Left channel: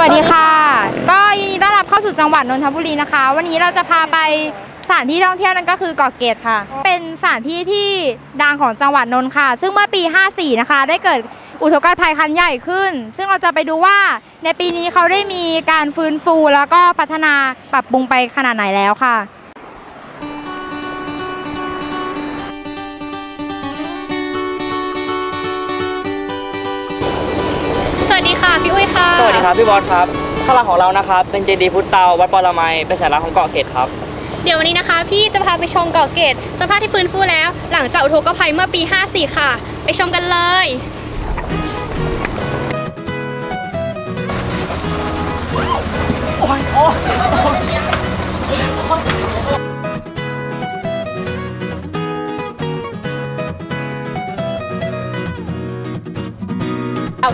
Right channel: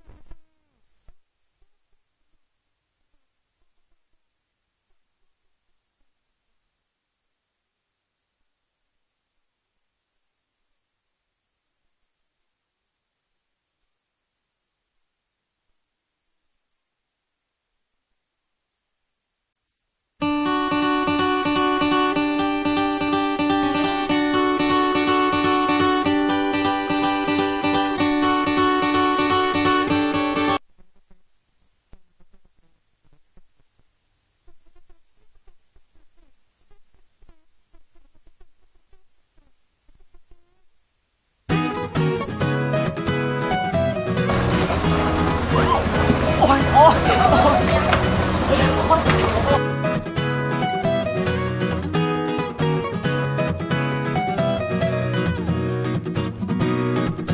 วัสดีค่ะ ก็ยินดีต้อนรับเข้าสู่จังหวัดนนทบุรีนะคะ วันนี้เราจะพาไปสถานที่ท่องเที่ยวนั่นก็คือเกาะเกร็ดค่ะ เป็นสถานที่ที่ดังของจังหวัดนนท์ค่ะ ซึ่งเมื่อปี 54 นะคะ ได้เกิดอุทกภัยครั้งใหญ่ขึ้น ซึ่งเราจะไปดูว่าในปีนี้เขาได้มีการฟื้นฟูแล้วก็พัฒนาปรับปรุงไปขนาดไหนแล้วค่ะ พี่บอสครับข้างหลังของเรานะครับเป็นเจดีย์พุทธเตาวัดปรมัยเป็นสัญลักษณ์ของเกาะเกร็ดครับ เดี๋ยววันนี้นะคะ พี่จะพาไปชมเกาะเกร็ดสภาพที่ฟื้นฟูแล้ว หลังจากอุทกภัยเมื่อปี 54 ค่ะ ไปชมกันเลย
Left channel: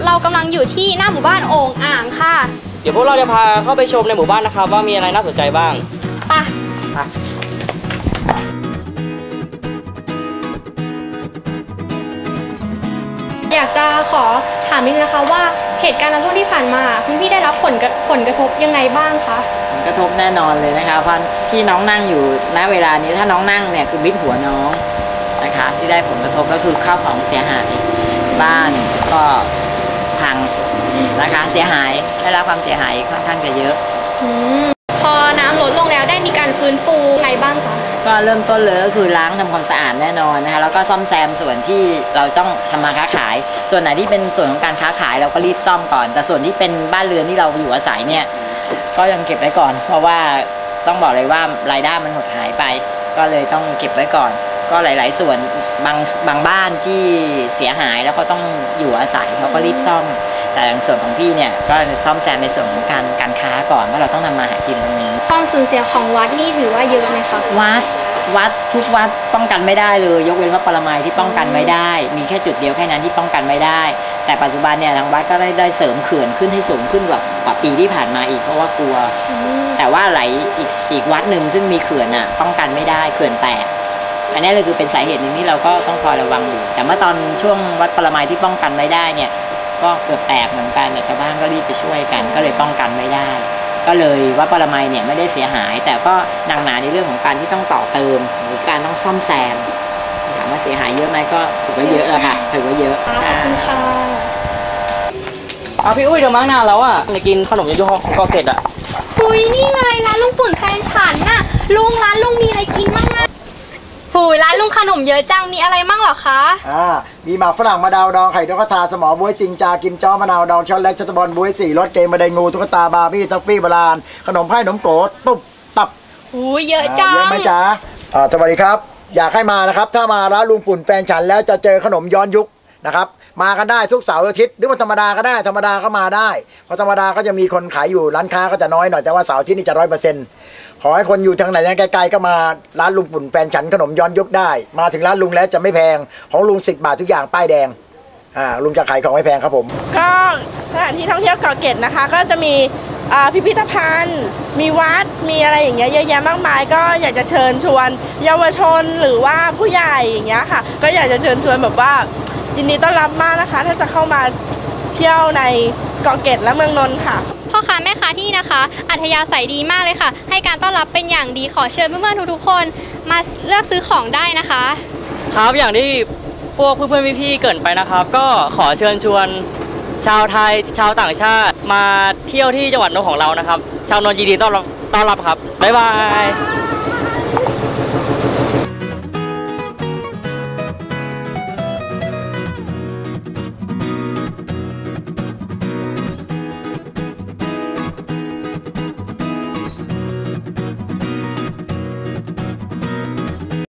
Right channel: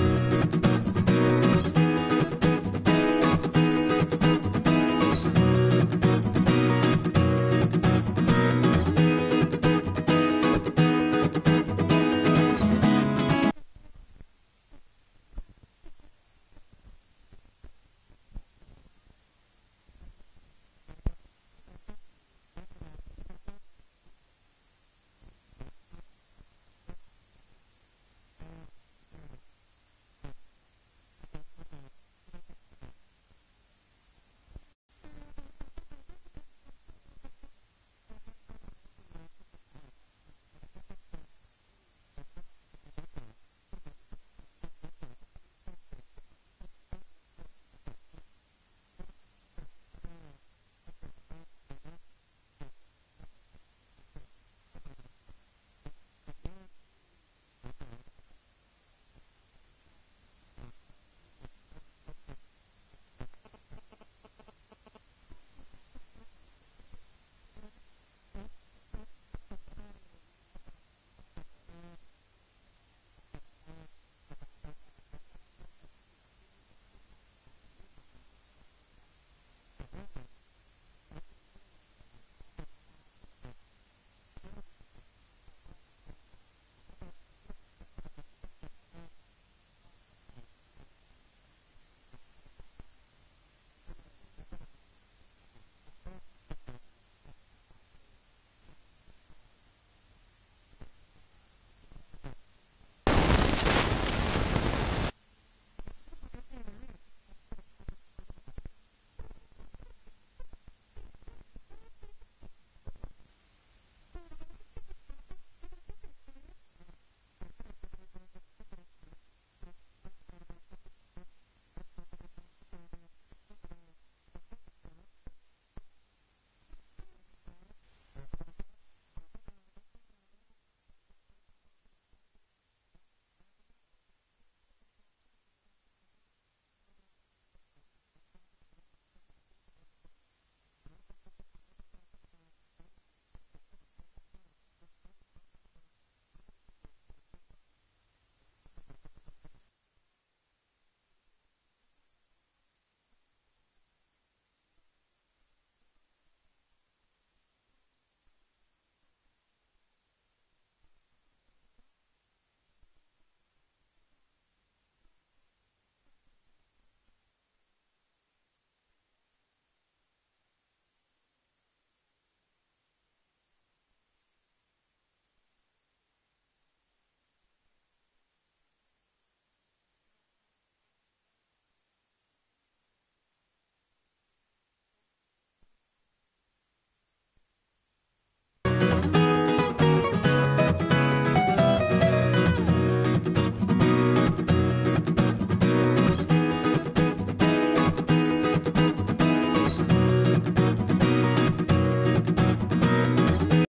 เรากำลังอยู่ที่หน้าหมู่บ้านโอ่งอ่างค่ะ เดี๋ยวพวกเราจะพาเข้าไปชมในหมู่บ้านนะครับ ว่ามีอะไรน่าสนใจบ้างไป อยากจะขอถามนิดนึงนะคะว่าเหตุการณ์น้ำท่วมที่ผ่านมา คุณพี่ได้รับผลกระผลกระทบยังไงบ้างคะ ผลกระทบแน่นอนเลยนะคะเพราะที่น้องนั่งอยู่ณเวลานี้ถ้าน้องนั่งเนี่ยคือมิดหัวน้องนะคะ ที่ได้ผลกระทบก็คือข้าวของเสียหายบ้านก็พัง นะคะ เสียหายได้รับความเสียหายค่อนข้างจะเยอะ อืมพอน้ำลดลงแล้วได้มีการฟื้นฟูไงบ้างคะ ก็เริ่มต้นเลยก็คือล้างทำความสะอาดแน่นอนนะคะแล้วก็ซ่อมแซมส่วนที่เราต้องทำมาค้าขาย ส่วนไหนที่เป็นส่วนของการค้าขายเราก็รีบซ่อมก่อน แต่ส่วนที่เป็นบ้านเรือนที่เราอยู่อาศัยเนี่ยก็ยังเก็บไว้ก่อน เพราะว่าต้องบอกเลยว่ารายได้มันหดหายไป ก็เลยต้องเก็บไว้ก่อน ก็หลาย ๆ ส่วนบางบางบ้านที่เสียหายแล้วก็ต้องอยู่อาศัยเขาก็รีบซ่อม แต่ในส่วนของพี่เนี่ยก็ซ่อมแซมในส่วนของการการค้าก่อนว่าเราต้องทำมาหากินตรงนี้ความสูญเสียของวัดนี่ถือว่าเยอะไหมคะวัดวัดทุกวัดป้องกันไม่ได้เลย ยกเว้นวัดปรมัยที่ป้องกันไว้ได้ มีแค่จุดเดียวแค่นั้นที่ป้องกันไม่ได้ แต่ปัจจุบันเนี่ยทางวัดก็ได้ได้เสริมเขื่อนขึ้นให้สูงขึ้นกว่ากว่าปีที่ผ่านมาอีกเพราะว่ากลัว แต่ว่าไหลอีกอีกวัดหนึ่งซึ่งมีเขื่อนอะป้องกันไม่ได้เขื่อนแตกอันนี้เลยคือเป็นสาเหตุหนึ่งที่เราก็ต้องคอยระวังอยู่แต่เมื่อตอนช่วงวัดปรมัยที่ป้องกันไม่ได้เนี่ย ก็เกือบแตกเหมือนกันแต่ชาวบ้านก็รีบไปช่วยกัน ก็เลยป้องกันไม่ได้ ก็เลยวัดปรมัยเนี่ยไม่ได้เสียหาย แต่ก็หนักหนาในเรื่องของการที่ต้องต่อเติม หรือการต้องซ่อมแซมถามว่าเสียหายเยอะไหมก็ถือว่าเยอะแล้วค่ะถือว่าเยอะขอบคุณค่ะเอาพี่อุ้ยเดี๋ยวมั้งนานแล้วอะจะกินขนมยูยูของเกาะเกร็ดอะหุยนี่ไงร้านลุงปุ่นแฟนฉันน่ะลุงร้านลุงมีอะไรกินบ้างอะ หุยร้านลุงขนมเยอะจังมีอะไรมั่งเหรอคะ อ่ามีหมากฝรั่งมะนาวดองไข่นกกระทาสมอบวยจิงจากิมจ้อมะนาวดองช็อตเล็กช็อตบอลบวยสี่รสเกมมาไดงูตุ๊กตาบาร์บี้ทัฟฟี่โบราณขนมไผ่ขนมโกดตุ๊บตับหุยเยอะจังเยอะไหมจ๊ะอ่าสวัสดีครับ อยากให้มานะครับ ถ้ามาร้านลุงปุ่นแฟนฉันแล้วจะเจอขนมย้อนยุคนะครับ มากันได้ทุกเสาร์อาทิตย์หรือว่าธรรมดาก็ได้ธรรมดาก็มาได้เพราะธรรมดาก็จะมีคนขายอยู่ร้านค้าก็จะน้อยหน่อยแต่ว่าเสาร์อาทิตย์นี่จะร้อยเปอร์เซ็นต์ขอให้คนอยู่ทางไหนไกลๆก็มาร้านลุงปุ่นแฟนฉันขนมย้อนยุคได้ มาถึงร้านลุงแล้วจะไม่แพงของลุงสิบบาททุกอย่างป้ายแดงอ่าลุงจะขายของไม่แพงครับผม ก็สถานที่ท่องเที่ยวเกาะเกร็ดนะคะ ก็จะมีอ่าพิพิธภัณฑ์ มีวัดมีอะไรอย่างเงี้ยเยอะแยะมากมาย ก็อยากจะเชิญชวน เยาวชนหรือว่าผู้ใหญ่อย่างเงี้ยค่ะ ก็อยากจะเชิญชวนแบบว่า ยินดีต้อนรับมากนะคะ ถ้าจะเข้ามาเที่ยวในเกาะเกร็ดและเมืองนนท์ค่ะ พ่อค้าแม่ค้าที่นี่นะคะ อัธยาศัยดีมากเลยค่ะ ให้การต้อนรับเป็นอย่างดีขอเชิญเพื่อนๆทุกๆคนมาเลือกซื้อของได้นะคะ ครับอย่างที่พวกเพื่อนๆพี่ๆเกรินไปนะครับ ก็ขอเชิญชวน ชาวไทยชาวต่างชาติ มาเที่ยวที่จังหวัดนนท์ของเรานะครับ ชาวนนท์ยินดีต้อนรับต้อนรับครับบ๊ายบาย